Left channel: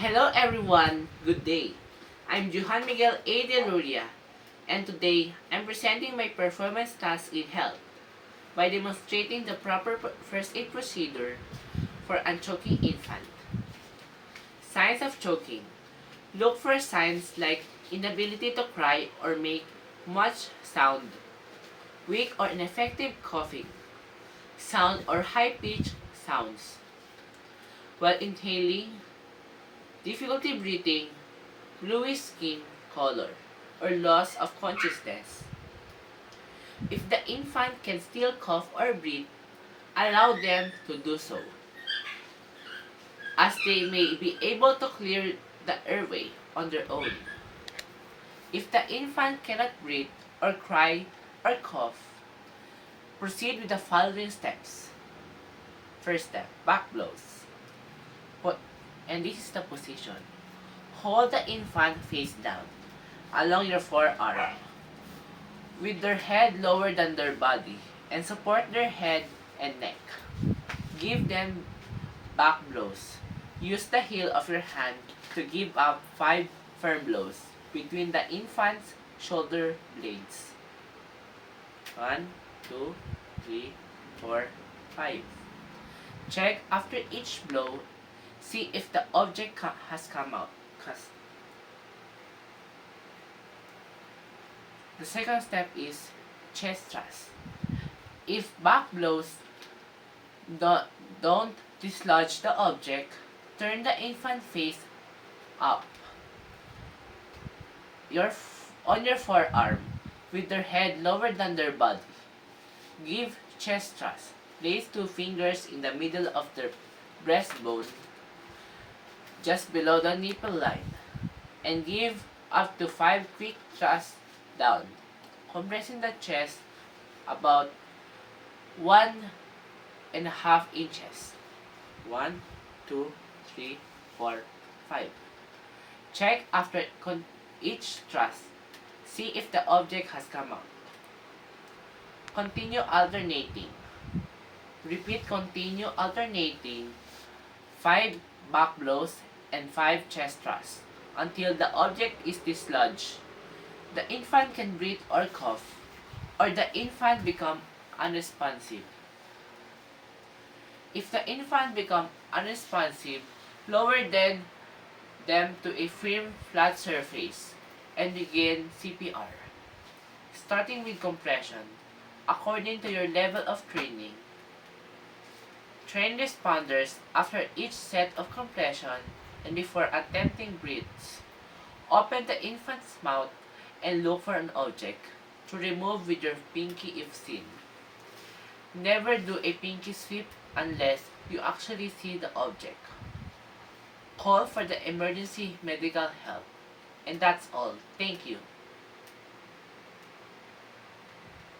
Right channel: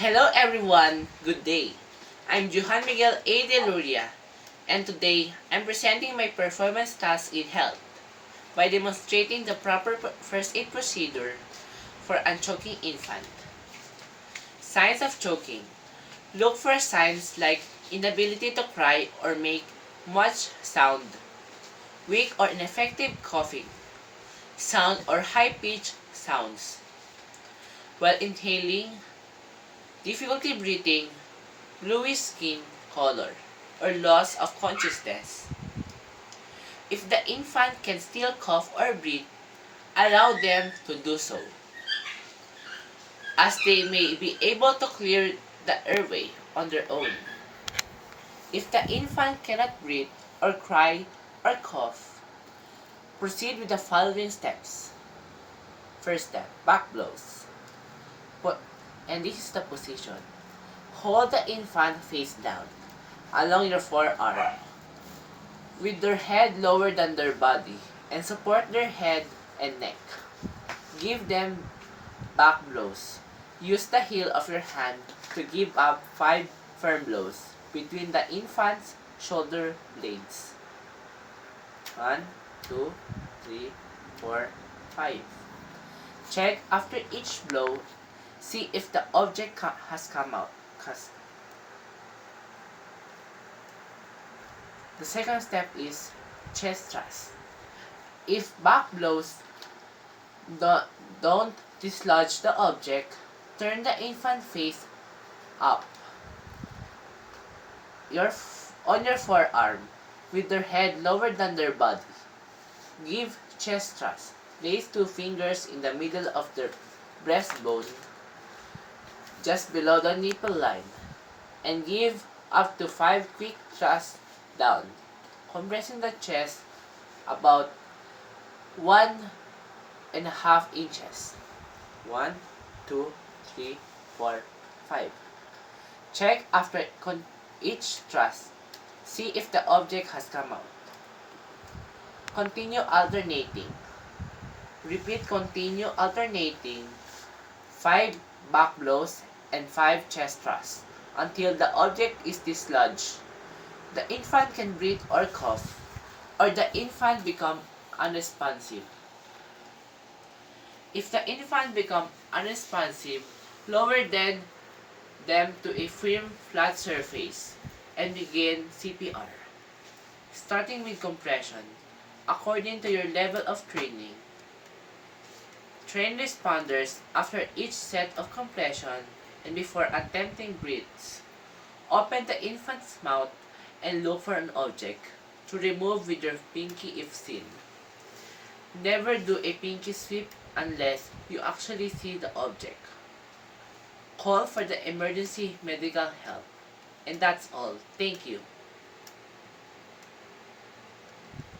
Hello everyone, good day. I'm Johan Miguel A. De Luria, and today I'm presenting my performance task in health by demonstrating the proper first aid procedure for a choking infant. Signs of choking. Look for signs like inability to cry or make much sound, weak or ineffective coughing, sound or high-pitched sounds. While inhaling, difficulty breathing, bluish skin color, or loss of consciousness. If the infant can still cough or breathe, allow them to do so, as they may be able to clear the airway on their own. If the infant cannot breathe or cry or cough, proceed with the following steps. First step, back blows. Put, and this is the position. Hold the infant face down along your forearm, with their head lower than their body, and support their head and neck. Give them back blows. Use the heel of your hand to give up 5 firm blows between the infant's shoulder blades. 1, 2, 3, 4, 5. Check after each blow. See if the object has come out. The second step is chest thrust. If back blows don't dislodge the object, turn the infant face up on your forearm with their head lower than their body. Give chest thrust. Place 2 fingers in the middle of their breastbone, just below the nipple line, and give up to 5 quick thrusts down, compressing the chest about 1.5 inches. 1, 2, 3, 4, 5. Check after each thrust. See if the object has come out. Continue alternating. Repeat continue alternating 5 back blows and 5 chest thrusts until the object is dislodged. The infant can breathe or cough, or the infant become unresponsive. If the infant become unresponsive, lower them to a firm flat surface and begin CPR, starting with compression according to your level of training. Train responders after each set of compression and before attempting breaths. Open the infant's mouth and look for an object to remove with your pinky if seen. Never do a pinky sweep unless you actually see the object. Call for the emergency medical help. And that's all. Thank you.